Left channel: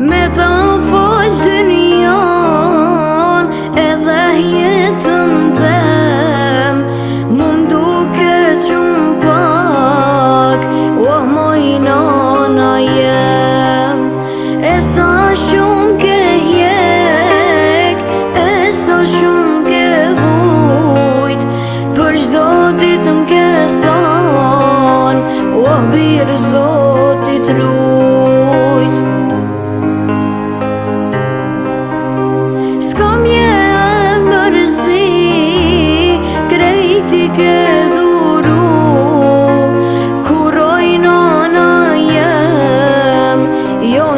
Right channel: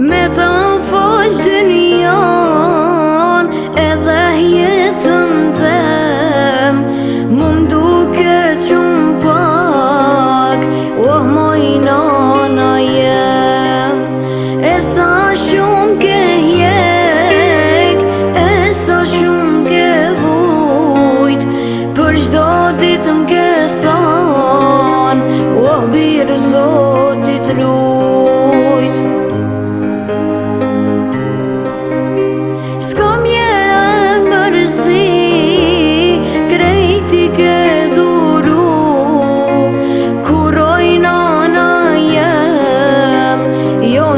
Me ta fol dynjan edhe jetën tem, mu m'duke qumë pak, oh moj nana jem. E sa shumë ke hjek, e sa shumë ke vujt, për çdo ditë m'ke than, oh birë Zotit rujt. S'ka mje mërzi, krejti ke duru, kuroj nana jem, jo